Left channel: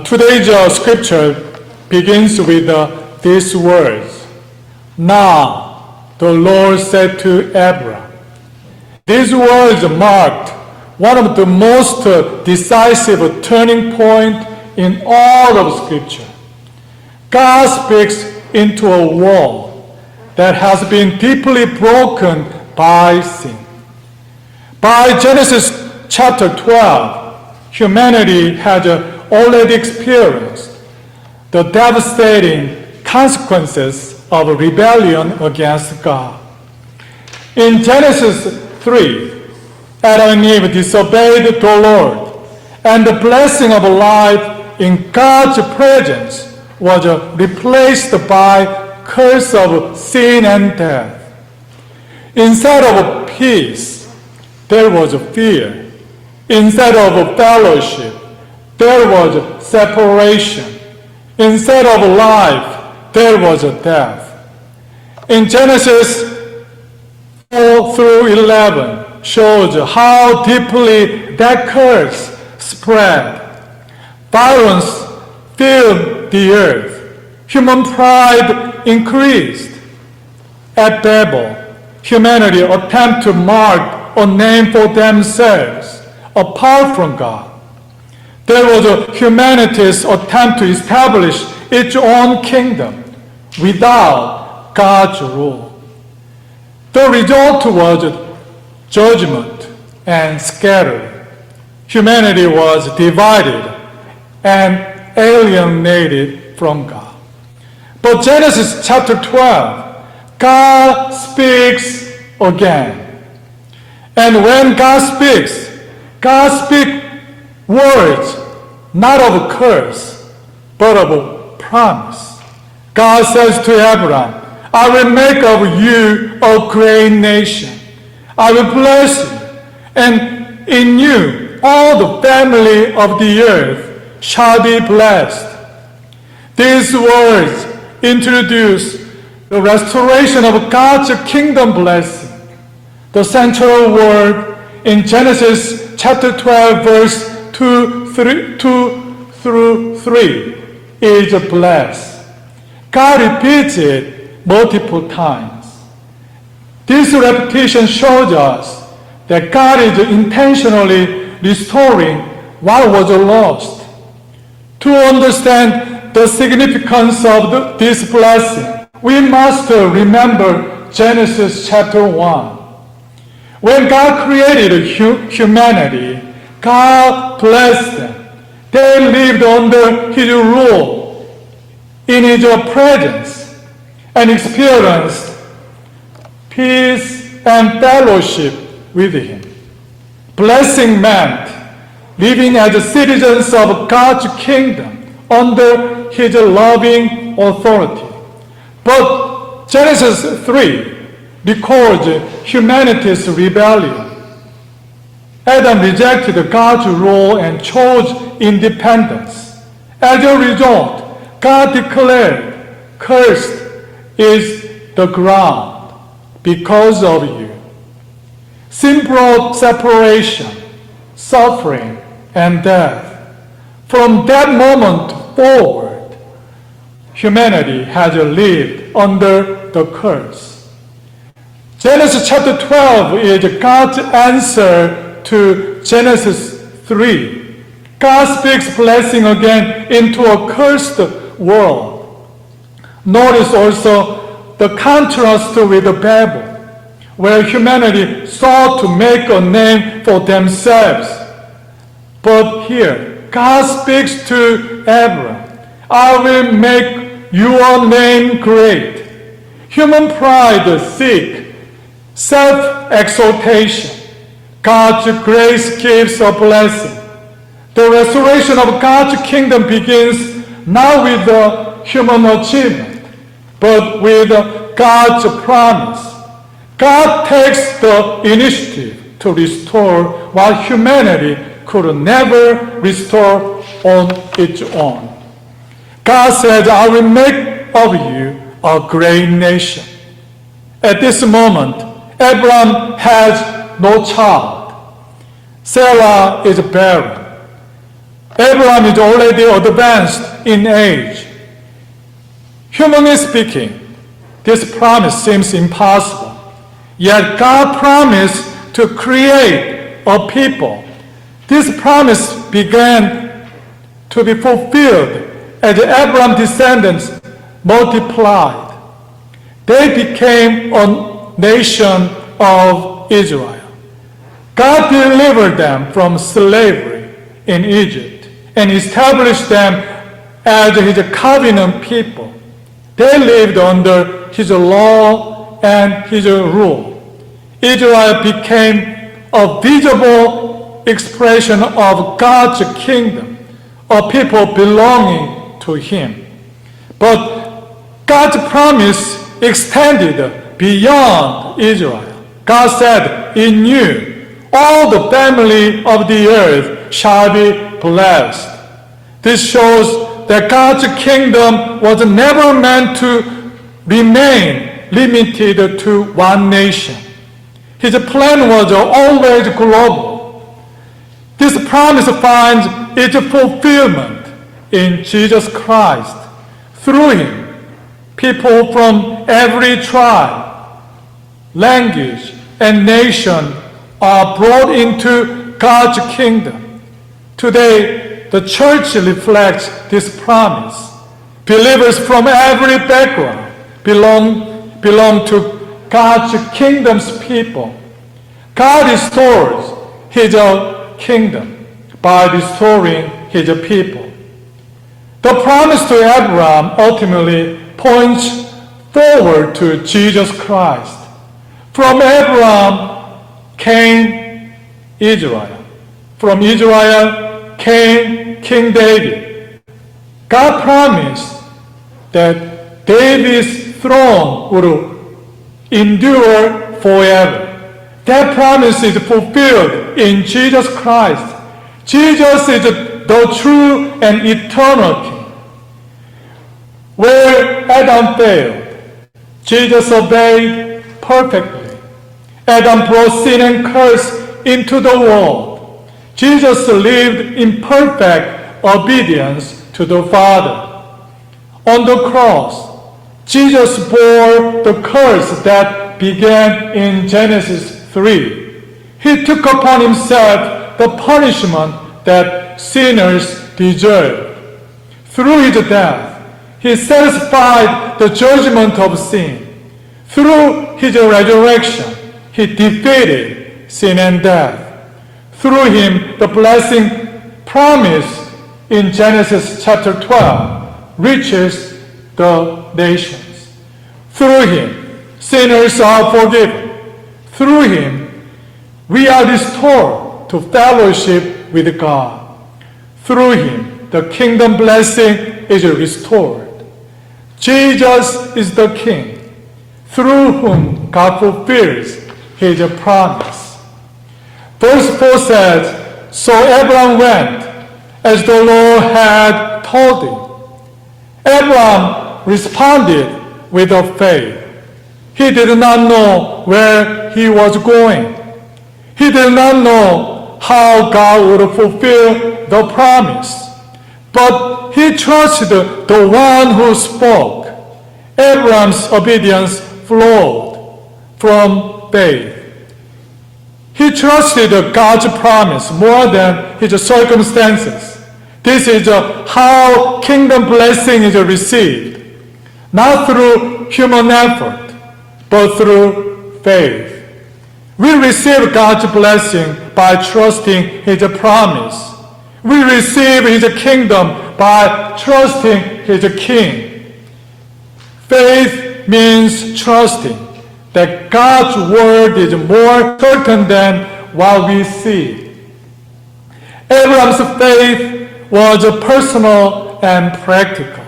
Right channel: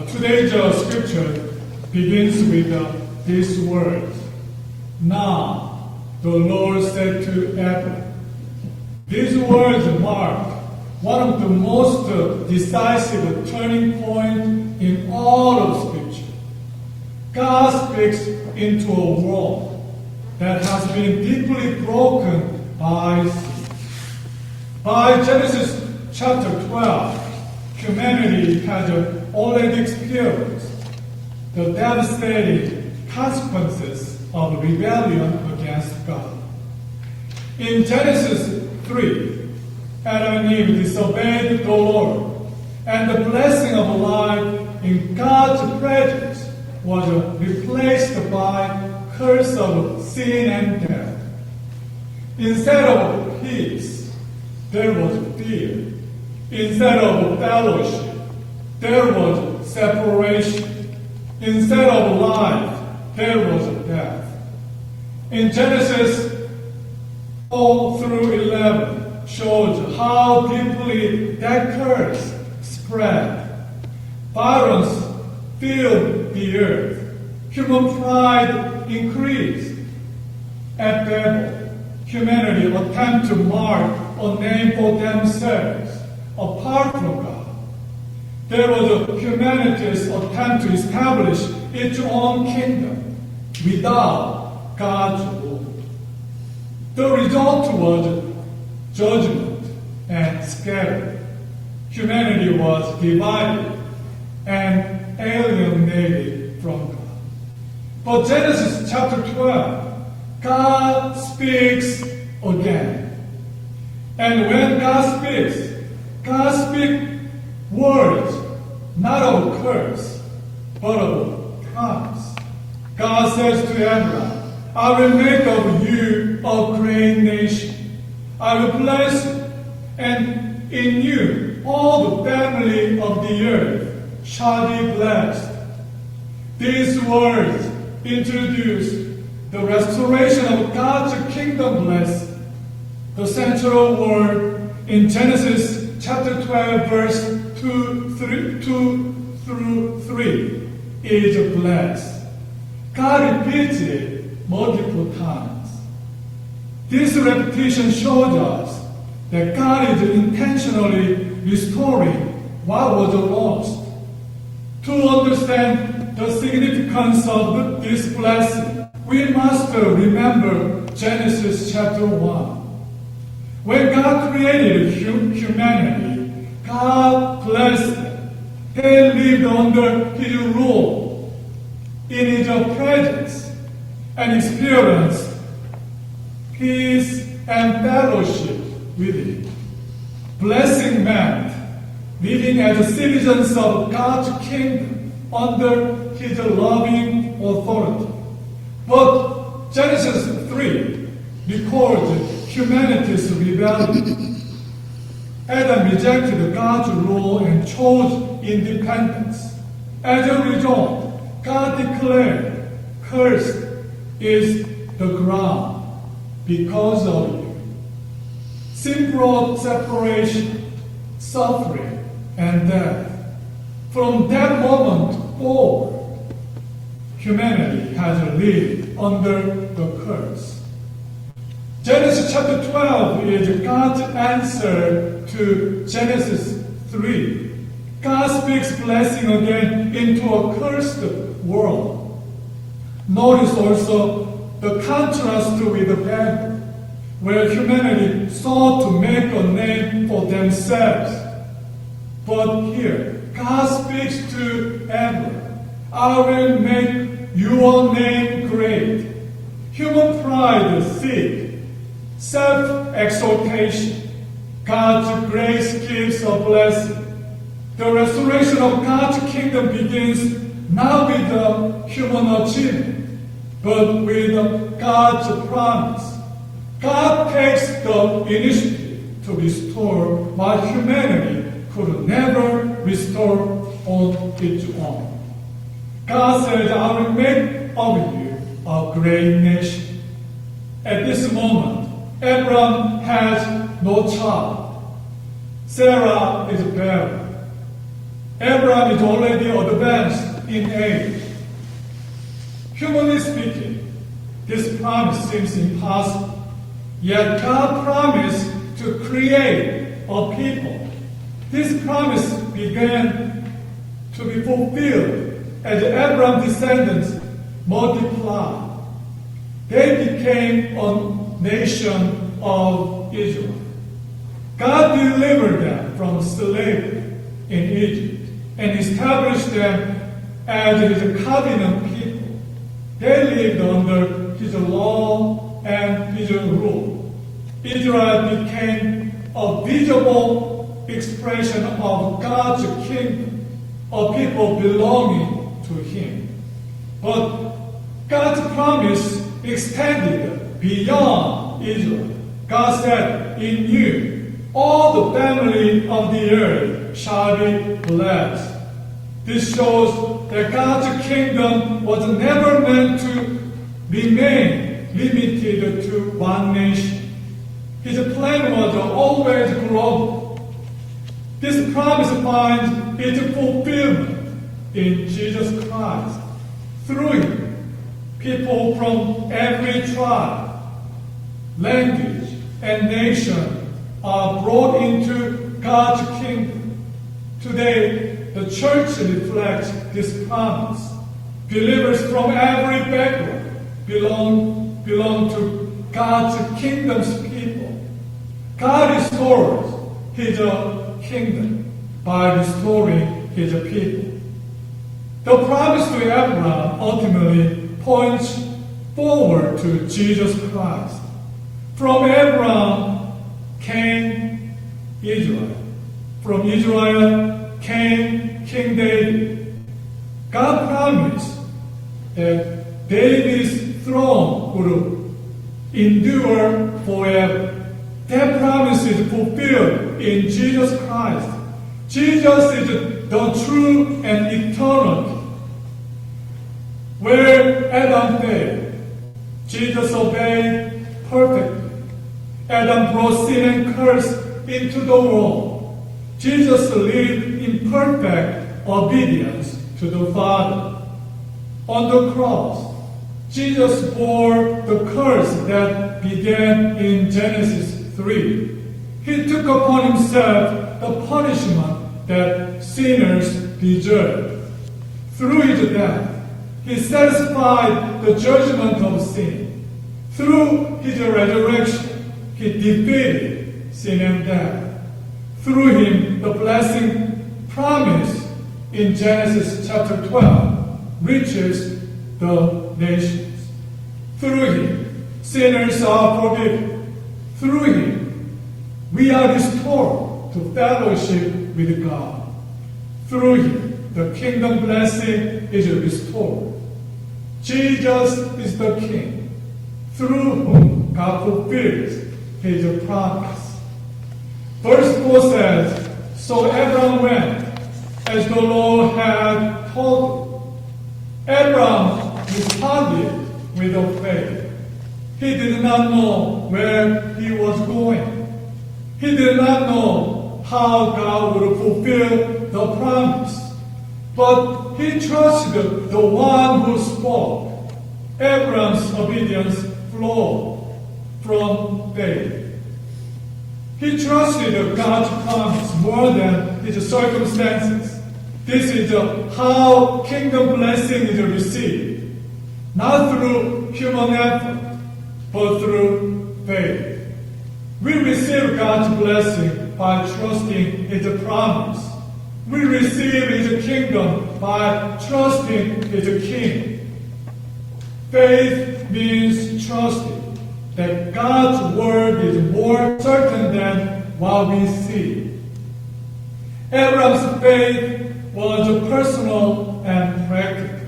Today's scripture begins with these words. Now the Lord said to Abraham. These words marked one of the most decisive turning points in all of Scripture. God speaks into a world that has been deeply broken by sin. By Genesis chapter 12, humanity had already experienced the devastating consequences of rebellion against God. In Genesis 3, Adam and Eve disobeyed the Lord, and the blessing of life in God's presence was replaced by curse of sin and death. Instead of peace, there was fear. Instead of fellowship, there was separation. Instead of life, there was death. In Genesis 4 through 11 shows how deeply that curse spread. Violence filled the earth. Human pride increased. At Babel, humanity attempted to mark a name for themselves apart from God. There was humanity's attempt to establish its own kingdom without God's rule. The result was judgment and scattering. Humanity was divided and alienated from God. But Genesis chapter 12, God speaks again. And when God speaks words not of curse, but of promise. God says to Abraham, I will make of you a great nation. I will bless you, and in you all the family of the earth shall be blessed. These words introduce the restoration of God's kingdom blessing. The central word in Genesis chapter 12, verse 2 through 3 is bless. God repeats it multiple times. This repetition shows us that God is intentionally restoring what was lost. To understand the significance of this blessing, we must remember Genesis chapter 1. When God created humanity, God blessed them. They lived under His rule, in His presence, and experienced peace and fellowship with Him. Blessing meant living as citizens of God's kingdom under His loving authority. But Genesis 3 records humanity's rebellion. Adam rejected God's rule and chose independence. As a result, God declared, cursed is the ground because of you. Sin brought separation, suffering, and death. From that moment forward, humanity has lived under the curse. Genesis chapter 12 is God's answer to Genesis 3. God speaks blessing again into a cursed world. Notice also the contrast with Babel, where humanity sought to make a name for themselves. But here, God speaks to Abraham, I will make your name great. Human pride seeks self-exaltation. God's grace gives a blessing. The restoration of God's kingdom begins not with the human achievement, but with God's promise. God takes the initiative to restore what humanity could never restore on its own. God said, I will make of you a great nation. At this moment, Abraham has no child. Sarah is barren. Abraham is already advanced in age. Humanly speaking, this promise seems impossible. Yet God promised to create a people. This promise began to be fulfilled as Abraham's descendants multiplied. They became a nation of Israel. God delivered them from slavery in Egypt and established them as his covenant people. They lived under his law and his rule. Israel became a visible expression of God's kingdom, a people belonging to him. But God's promise extended beyond Israel. God said, "In you, all the family of the earth shall be blessed." This shows that God's kingdom was never meant to remain limited to one nation. His plan was always global. This promise finds its fulfillment in Jesus Christ. Through him, people from every tribe, language, and nation are brought into God's kingdom. Today, the church reflects this promise. Believers from every background belong to God's kingdom's people. God restores his kingdom by restoring his people. The promise to Abraham ultimately points forward to Jesus Christ. From Abraham came Israel. From Israel came King David. God promised that David's throne would endure forever. That promise is fulfilled in Jesus Christ. Jesus is the true and eternal King. Where Adam failed, Jesus obeyed perfectly. Adam brought sin and curse into the world. Jesus lived in perfect obedience to the Father. On the cross, Jesus bore the curse that began in Genesis 3. He took upon himself the punishment that sinners deserve. Through his death, he satisfied the judgment of sin. Through his resurrection, he defeated sin and death. Through him, the blessing promised in Genesis chapter 12 reaches the nations. Through him, sinners are forgiven. Through him, we are restored to fellowship with God. Through him, the kingdom blessing is restored. Jesus is the King, through whom God fulfills his promise. Verse 4 says, "So Abraham went, as the Lord had told him." Abraham responded with faith. He did not know where he was going. He did not know how God would fulfill the promise. But he trusted the one who spoke. Abraham's obedience flowed from faith. He trusted God's promise more than his circumstances. This is how kingdom blessing is received, not through human effort, but through faith. We receive God's blessing by trusting his promise. We receive his kingdom by trusting his king. Faith means trusting that God's word is more certain than what we see. Abraham's faith was personal and practical.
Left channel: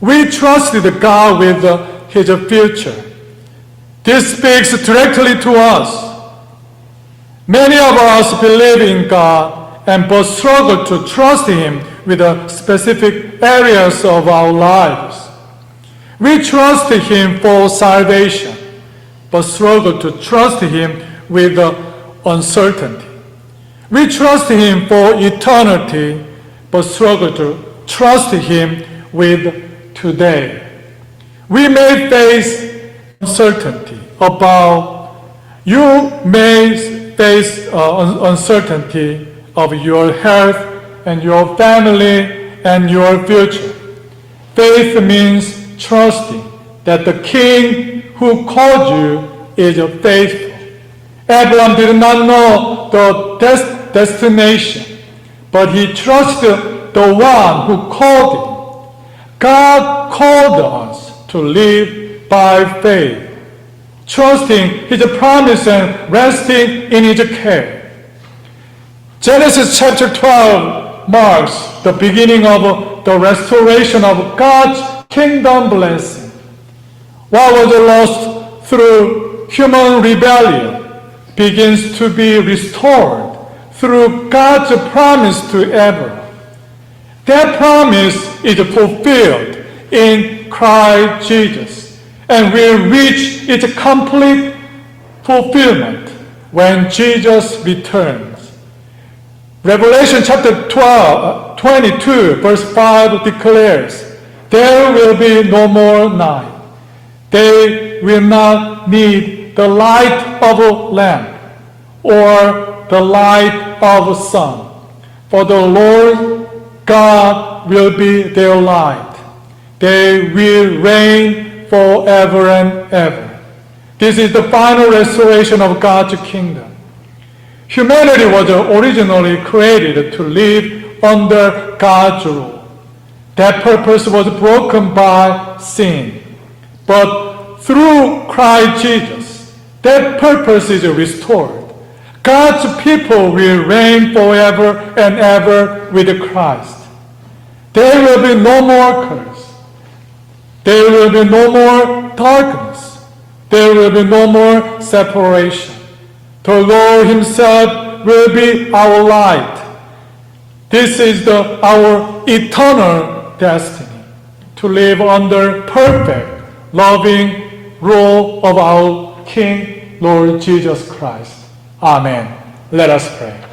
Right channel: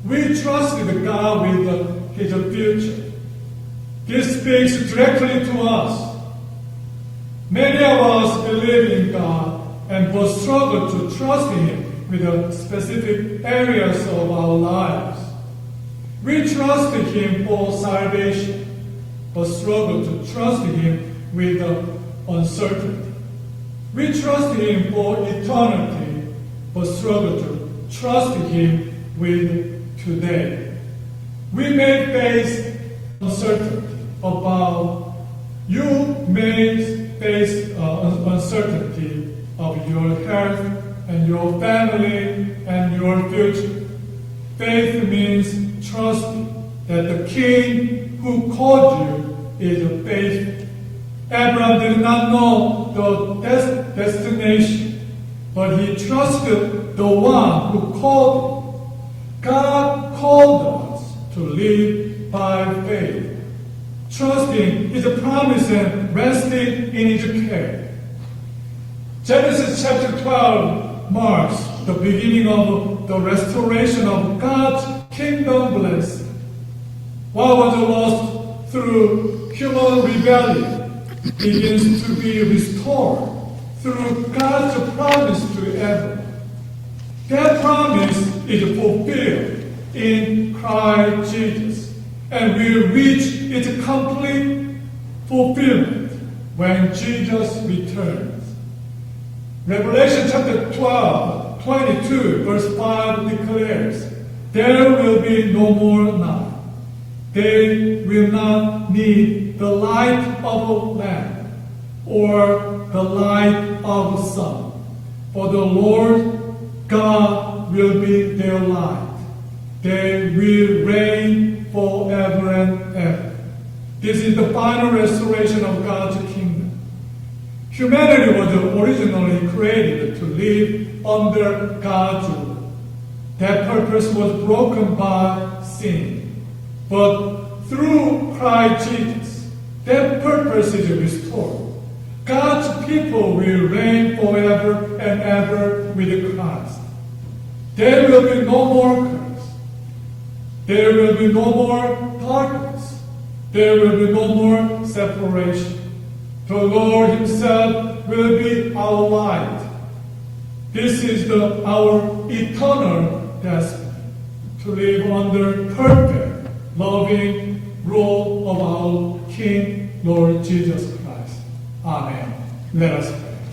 We trusted God with his future. This speaks directly to us. Many of us believe in God but struggle to trust him with specific areas of our lives. We trust him for salvation, but struggle to trust him with uncertainty. We trust him for eternity, but struggle to trust Him with today. We may face uncertainty about, you may face uncertainty of your health and your family and your future. Faith means trusting that the King who called you is faithful. Abraham did not know the destination, but he trusted the one who called him. God called us to live by faith, trusting His promise and resting in His care. Genesis chapter 12 marks the beginning of the restoration of God's kingdom blessing. What was lost through human rebellion begins to be restored through God's promise to Abraham. That promise is fulfilled in Christ Jesus and will reach its complete fulfillment when Jesus returns. Revelation chapter 22 verse 5 declares, there will be no more night. They will not need the light of a lamp or the light of a sun, for the Lord God will be their light. They will reign forever and ever. This is the final restoration of God's kingdom. Humanity was originally created to live under God's rule. That purpose was broken by sin. But through Christ Jesus, that purpose is restored. God's people will reign forever and ever with Christ. There will be no more curse. There will be no more darkness. There will be no more separation. The Lord Himself will be our light. This is our eternal destiny, to live under perfect, loving rule of our King, Lord Jesus Christ. Amen. Let us pray.